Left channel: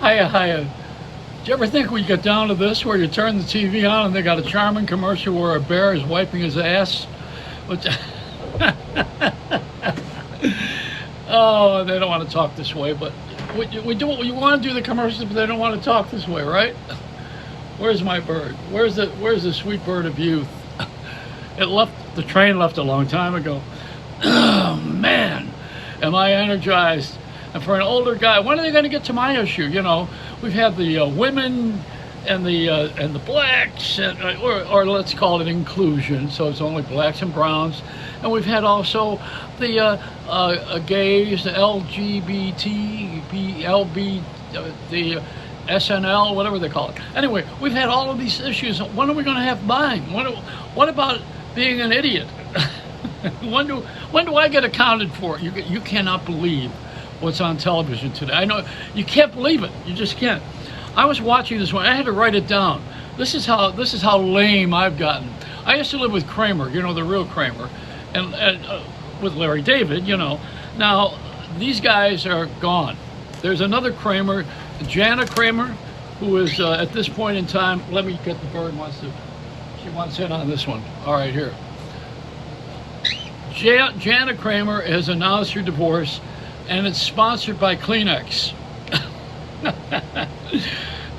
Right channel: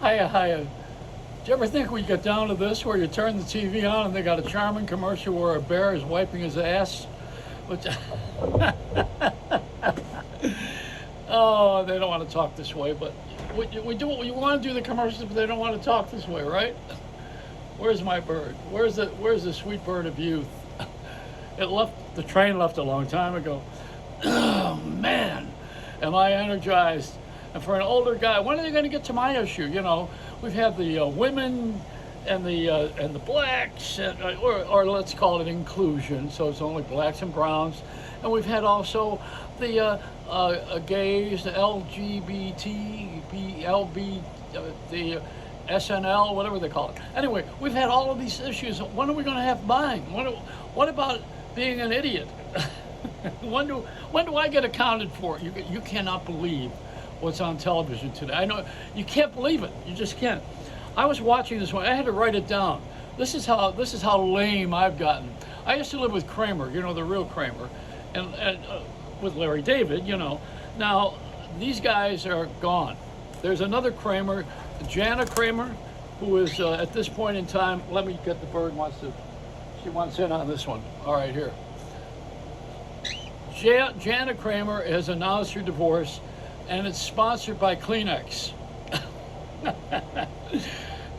Hiya. Do you ever think we get down to this where you turn the TV on and they got a charming commercial where a bear is wiping his ass? Which, oh, they don't want to talk this way, but we do. We want to do the commercials, but they don't want to talk this way, right? Where's my bird? Where's the sweet bird of youth? It left. The train left a long time ago. Oh man, am I energized? And for an older guy, when are they going to get to my issue? You know, we've had the women and the blacks, or let's call it inclusion. So it's only blacks and browns, and we've had also the gays, the LGBT, LB, the SNL, whatever they call it. Anyway, we've had all of these issues. When are we going to have mine? What about being an idiot? when do I get accounted for? You cannot believe what's on television today. I know you can't believe it. You just can't. I was watching this one. I had to write it down. This is how lame I've gotten. I used to live with Kramer, you know, the real Kramer, and with Larry David, you know. Now these guys are gone. There's another Kramer, Jana Kramer, who is at this point in time. Let me get the bird. She wants in on this one. All right, here. Jana Kramer has announced her divorce, and it's sponsored by Kleenex.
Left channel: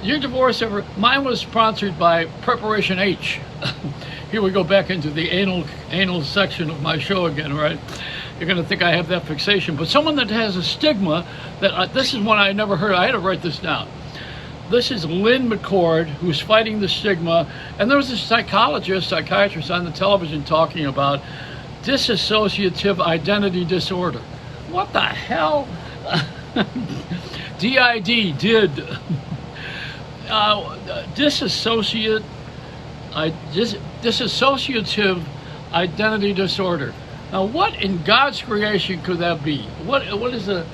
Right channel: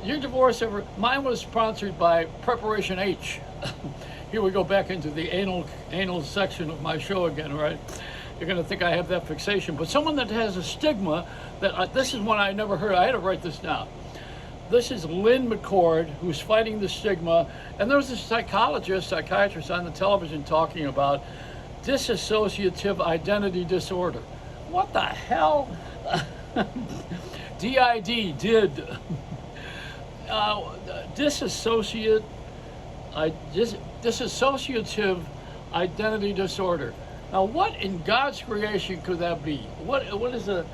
Your divorce mine was sponsored by Preparation H. Here we go back into the anal section of my show again, right? You're going to think I have that fixation, but someone that has a stigma that this is one I never heard. I had to write this down. This is Lynn McCord, who's fighting the stigma, and there was a psychiatrist on the television talking about dissociative identity disorder. What the hell? DID did. Dissociative identity disorder. Now, what in God's creation could that be? What is the?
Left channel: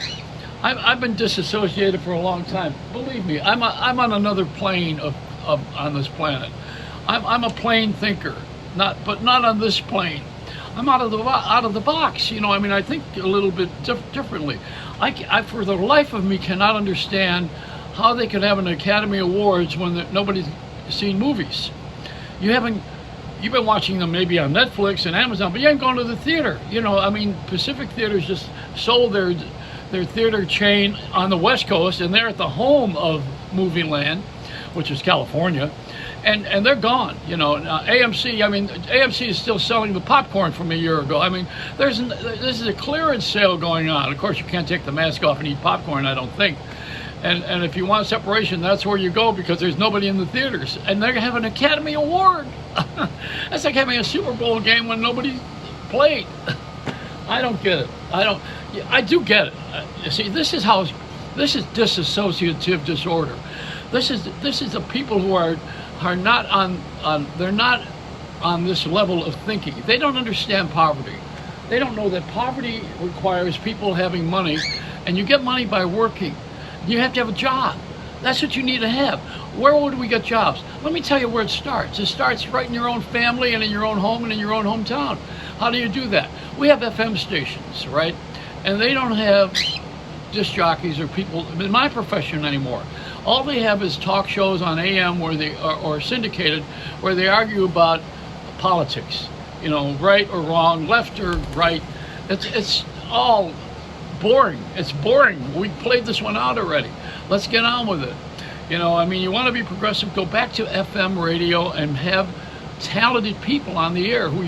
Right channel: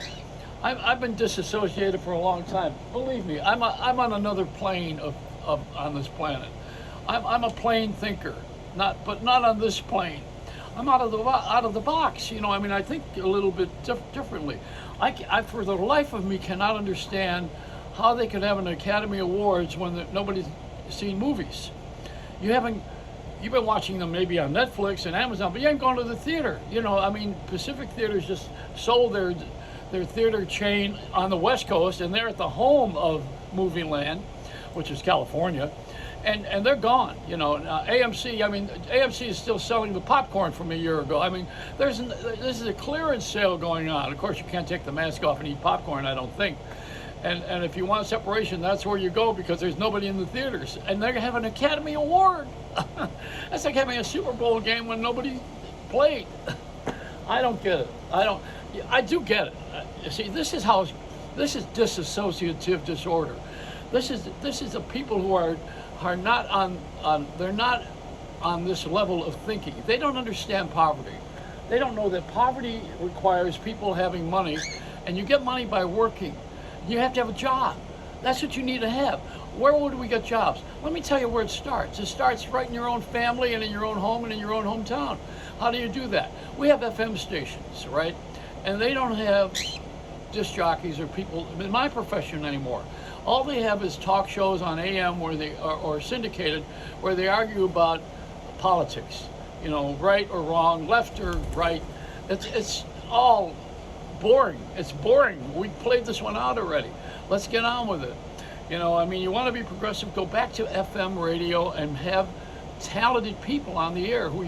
I've been disassociated for a long time. Believe me, I'm on another plane on this planet. I'm a plane thinker, but not on this plane. I'm out of the box, you know. I mean, I think a little bit differently. I for the life of me cannot understand how they could have an Academy Awards when nobody's seen movies. You've been watching them maybe on Netflix and Amazon, but you ain't going to the theater. You know, I mean, Pacific Theaters just sold their theater chain on the West Coast, and they're at the home of Movie Land, which is California. And they're gone, you know. AMC, I mean, AMC is still selling the popcorn from a year ago. I mean, this is a clearance sale going on. Of course, you can't take the mask off and eat popcorn, I don't think. And if you want separation, that's where you go, because there's nobody in the theaters. And they're going to have an Academy Award. That's like having a Super Bowl game when nobody played. I don't get it. I do get it. See, this is dissociative disorder. This is the people who are not they're not on this level of thinking. They don't understand poverty. They don't know that poverty requires people having money, and you get money by working. You have to have a job. That's what you need to have. Where would we get jobs? Let me tell you where it starts. It starts right in your own family and in your own home and in your own hometown. How do you do that? We have FM stations, right? And they don't have disc jockeys or people in my profession anymore. All they have is talk shows on AM where they or syndicated, where they argue about politics. You know, right or wrong, left or right. It's all boring. It's boring. We played this one out already. Let's get on with it. You know, I mean, you want to be progressive, go back to FM radio and have talented people on the air who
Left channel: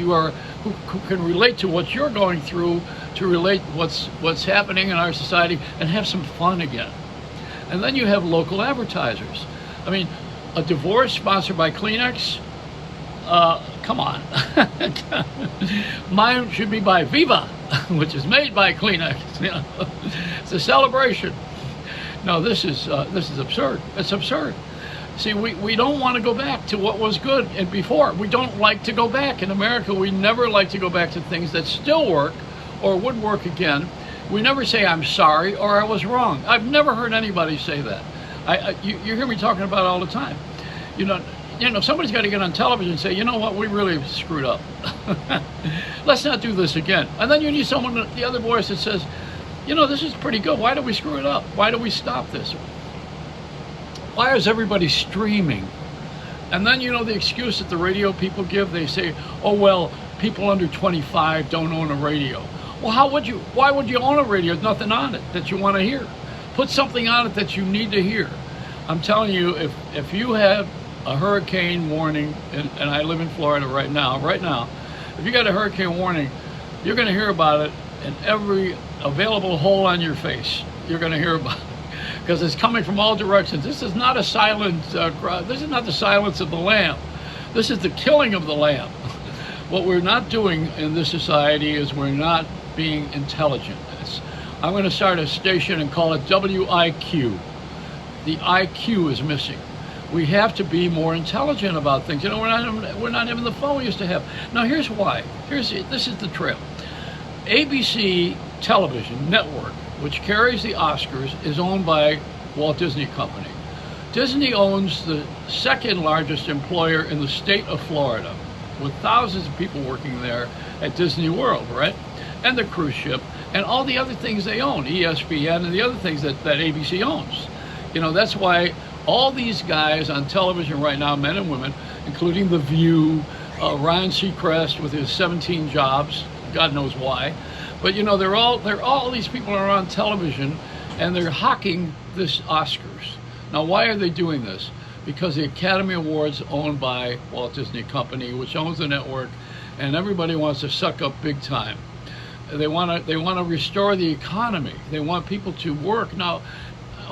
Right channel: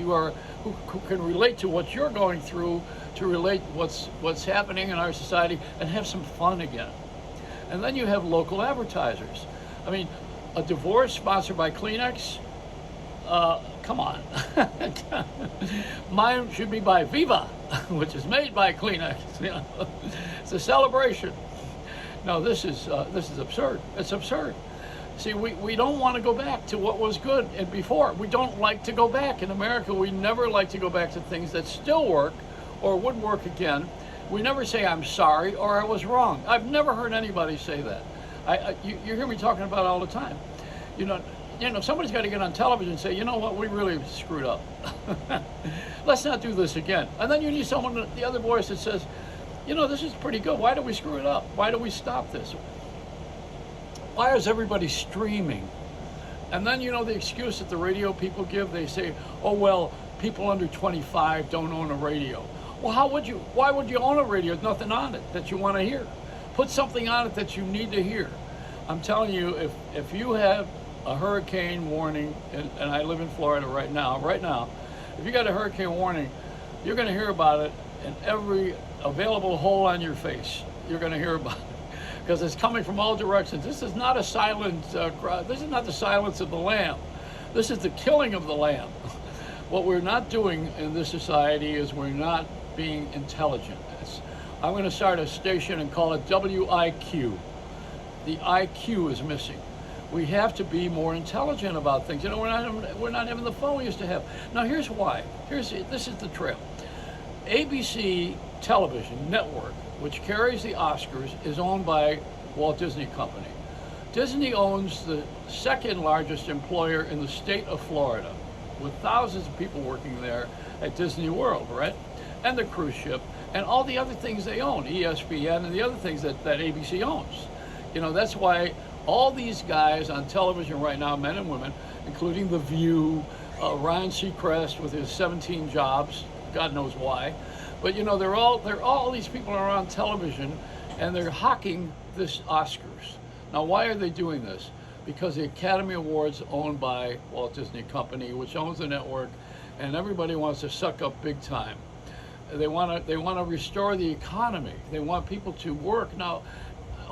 can relate to what you're going through, to relate what's happening in our society, and have some fun again. And then you have local advertisers. I mean, a divorce sponsored by Kleenex? Come on. Mine should be by Viva, which is made by Kleenex. You know? It's a celebration. No, this is absurd. It's absurd. See, we don't want to go back to what was good and before. We don't like to go back. In America, we never like to go back to things that still work or would work again. We never say, I'm sorry, or I was wrong. I've never heard anybody say that. You hear me talking about it all the time. You know, somebody's got to get on television and say, you know what, we really screwed up. Let's not do this again. And then you need someone, the other voice that says, you know, this is pretty good. Why did we screw it up? Why do we stop this? Why is everybody streaming? And then you know the excuse that the radio people give. They say, "Oh well, people under 25 don't own a radio." Well, how would you? Why would you own a radio? There's nothing on it that you want to hear. Put something on it that you need to hear. I'm telling you, if you have a hurricane warning, and I live in Florida right now, if you got a hurricane warning, you're going to hear about it in every available hole on your face. You're going to hear about it because it's coming from all directions. This is not a silent. This is not the silence of the lamb. This is the killing of the lamb. What we're not doing in this society is we're not being intelligent. I'm going to start a station and call it WIQ. The IQ is missing. We have to be more intelligent about things. You know, we're not having the fun we used to have. Now here's why. This is the trail. ABC Television Network, which carries the Oscars, is owned by Walt Disney Company. Disney owns the second largest employer in the state of Florida, with thousands of people working there at Disney World, right? And the cruise ship, and all the other things they own, ESPN and the other things that ABC owns. You know, that's why all these guys on television right now, men and women, including The View, Ryan Seacrest with his 17 jobs, God knows why, but you know, all these people are on television and they're hawking this Oscars. Now, why are they doing this? Because the Academy Awards owned by Walt Disney Company, which owns the network, and everybody wants to suck up big time. They want to restore the economy. They want people to work. Now,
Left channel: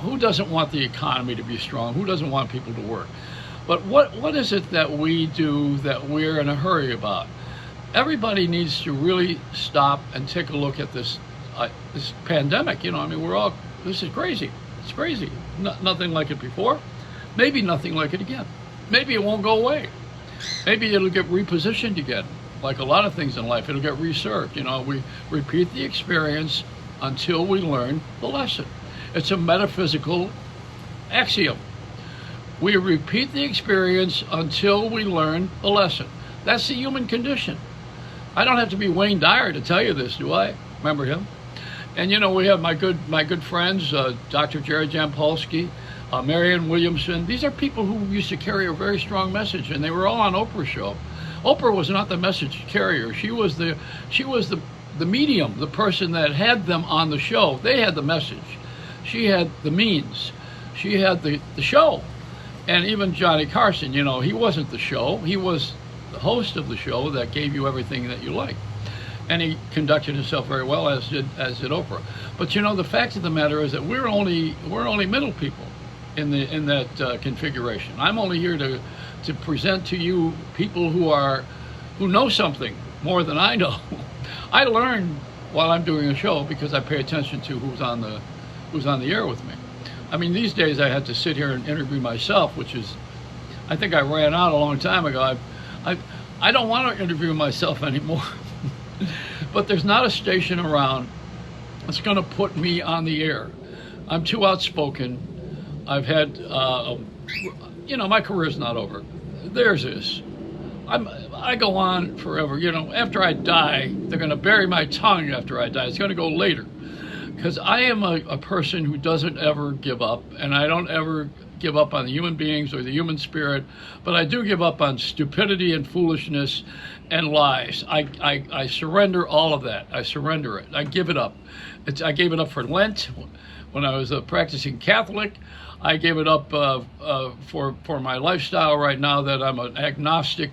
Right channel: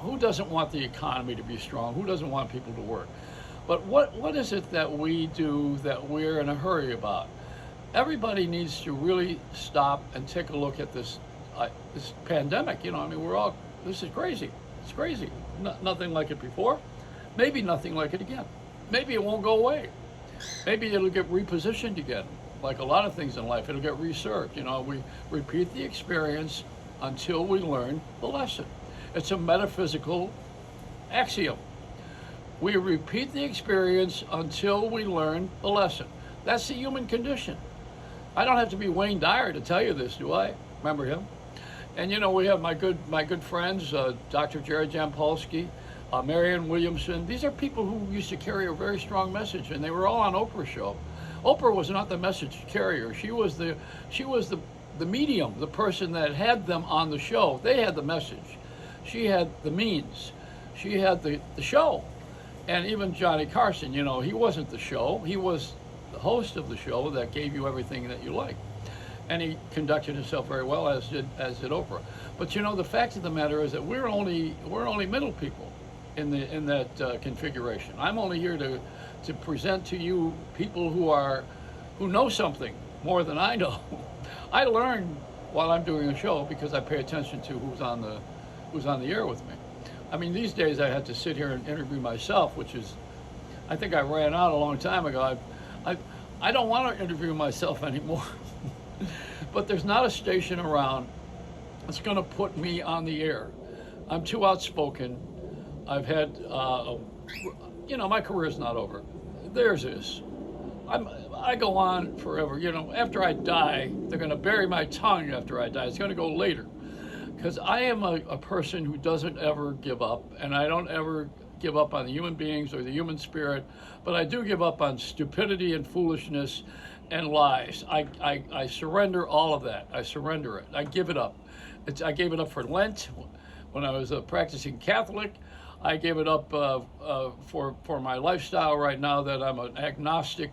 who doesn't want the economy to be strong? Who doesn't want people to work? But what is it that we do that we're in a hurry about? Everybody needs to really stop and take a look at this pandemic. You know, I mean, this is crazy. It's crazy. Nothing like it before. Maybe nothing like it again. Maybe it won't go away. Maybe it'll get repositioned again. Like a lot of things in life, it'll get reserved. You know, we repeat the experience until we learn the lesson. It's a metaphysical axiom. We repeat the experience until we learn the lesson. That's the human condition. I don't have to be Wayne Dyer to tell you this, do I? Remember him? And you know, we have my good friends, Dr. Jared Jampolsky, Marianne Williamson. These are people who used to carry a very strong message, and they were all on Oprah's show. Oprah was not the message carrier. She was the medium, the person that had them on the show. They had the message. She had the means. She had the show. And even Johnny Carson, you know, he wasn't the show. He was the host of the show that gave you everything that you liked. And he conducted himself very well, as did Oprah. But you know, the fact of the matter is that we're only middle people in that configuration. I'm only here to present to you people who know something more than I know. I learn while I'm doing a show because I pay attention to who's on the air with me. I mean, these days I had to sit here and interview myself, which is, I think I ran out a long time ago. I don't want to interview myself anymore. But there's not a station around that's going to put me on the air. I'm too outspoken. I've had, you know, my career's not over. Theirs is. I go on forever. You know, after I die, they're going to bury my tongue after I die. It's going to go later. Because I am a person who doesn't ever give up, and I don't ever give up on the human beings or the human spirit, but I do give up on stupidity and foolishness and lies. I surrender all of that. I surrender it. I give it up. I gave it up for Lent when I was a practicing Catholic. I gave it up for my lifestyle right now that I'm an agnostic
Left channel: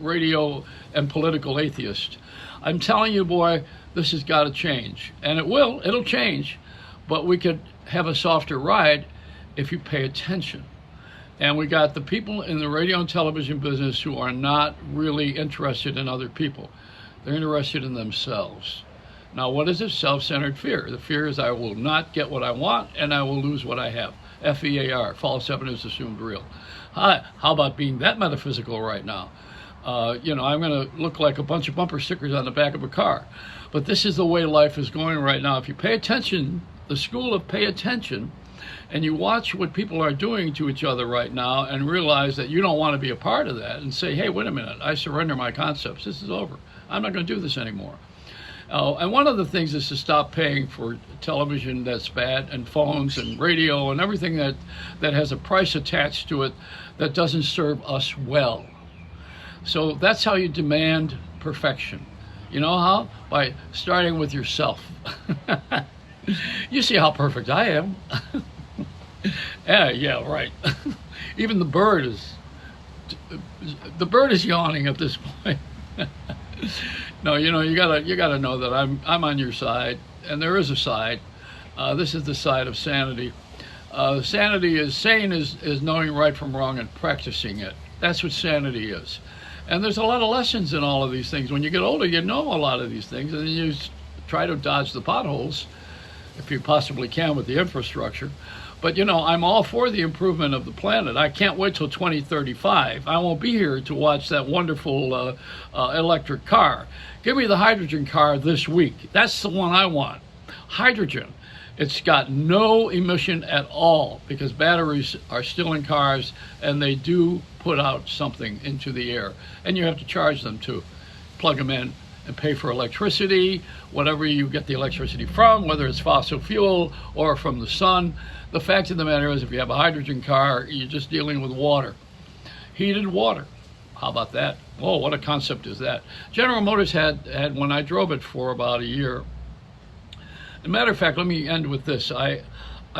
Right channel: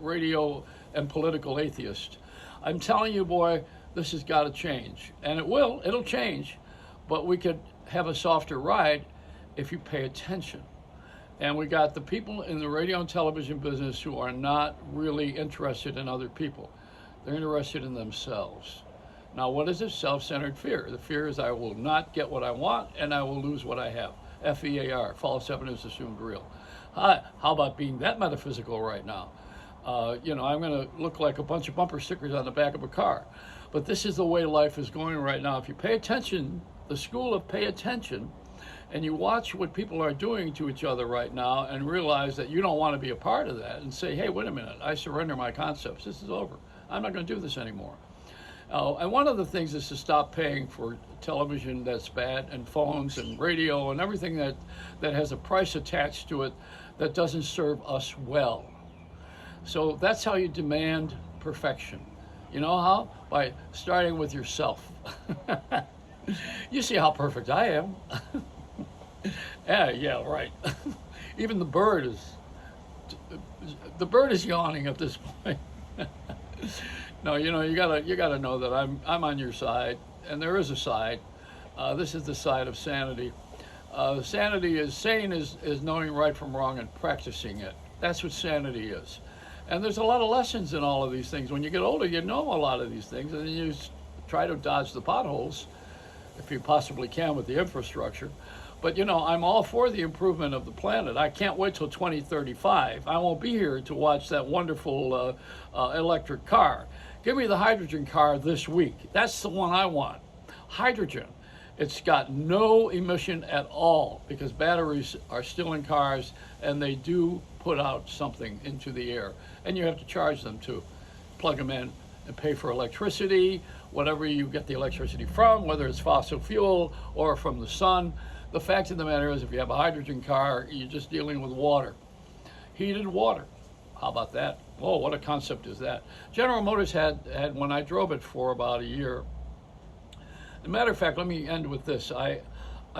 radio and political atheist. I'm telling you, boy, this has got to change. And it'll change, but we could have a softer ride if you pay attention. And we got the people in the radio and television business who are not really interested in other people. They're interested in themselves. Now, what is it? Self-centered fear. The fear is I will not get what I want and I will lose what I have. FEAR, false evidence assumed real. How about being that metaphysical right now? You know, I'm going to look like a bunch of bumper stickers on the back of a car. But this is the way life is going right now. If you pay attention, the school of pay attention, and you watch what people are doing to each other right now and realize that you don't want to be a part of that and say, hey, wait a minute, I surrender my concepts. This is over. I'm not going to do this anymore. And one of the things is to stop paying for television that's bad, and phones and radio and everything that has a price attached to it that doesn't serve us well. So that's how you demand perfection. You know how? By starting with yourself. You see how perfect I am. Yeah, right. Even the bird is yawning at this point. No, you gotta know that I'm on your side, and there is a side. This is the side of sanity. Sanity is sane is knowing right from wrong and practicing it. That's what sanity is. And there's a lot of lessons in all of these things. When you get older, you know a lot of these things, and then you try to dodge the potholes if you possibly can with the infrastructure. But I'm all for the improvement of the planet. I can't wait till 2035. I won't be here to watch that wonderful electric car. Give me the hydrogen car this week. That's the one I want. Hydrogen. It's got no emission at all because batteries are still in cars and they do put out something into the air. And you have to charge them too. Plug them in and pay for electricity, whatever you get the electricity from, whether it's fossil fuel or from the sun. The fact of the matter is, if you have a hydrogen car, you're just dealing with water. Heated water. How about that? Oh, what a concept is that? General Motors had when I drove it for about a year. As a matter of fact, let me end with this. I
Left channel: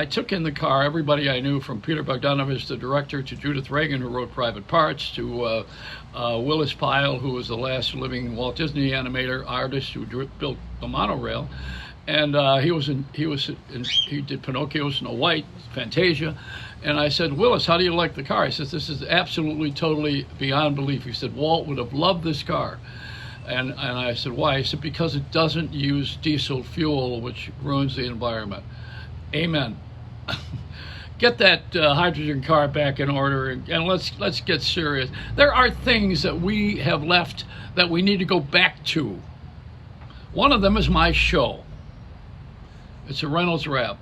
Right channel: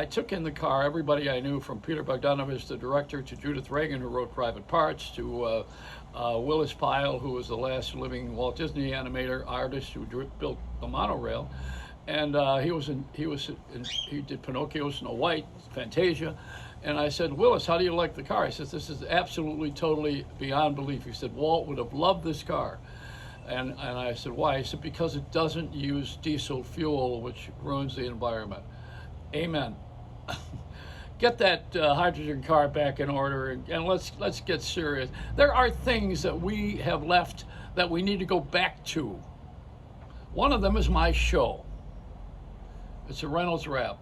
took in the car everybody I knew, from Peter Bogdanovich, the director, to Judith Reagan, who wrote Private Parts, to Willis Pyle, who was the last living Walt Disney animator artist who built the monorail. And he did Pinocchio, Snow White, Fantasia. And I said, Willis, how do you like the car? He says, this is absolutely, totally beyond belief. He said, Walt would have loved this car. And I said, why? He said, because it doesn't use diesel fuel, which ruins the environment. Amen. Get that hydrogen car back in order, and let's get serious. There are things that we have left that we need to go back to. One of them is my show. It's a Reynolds Wrap.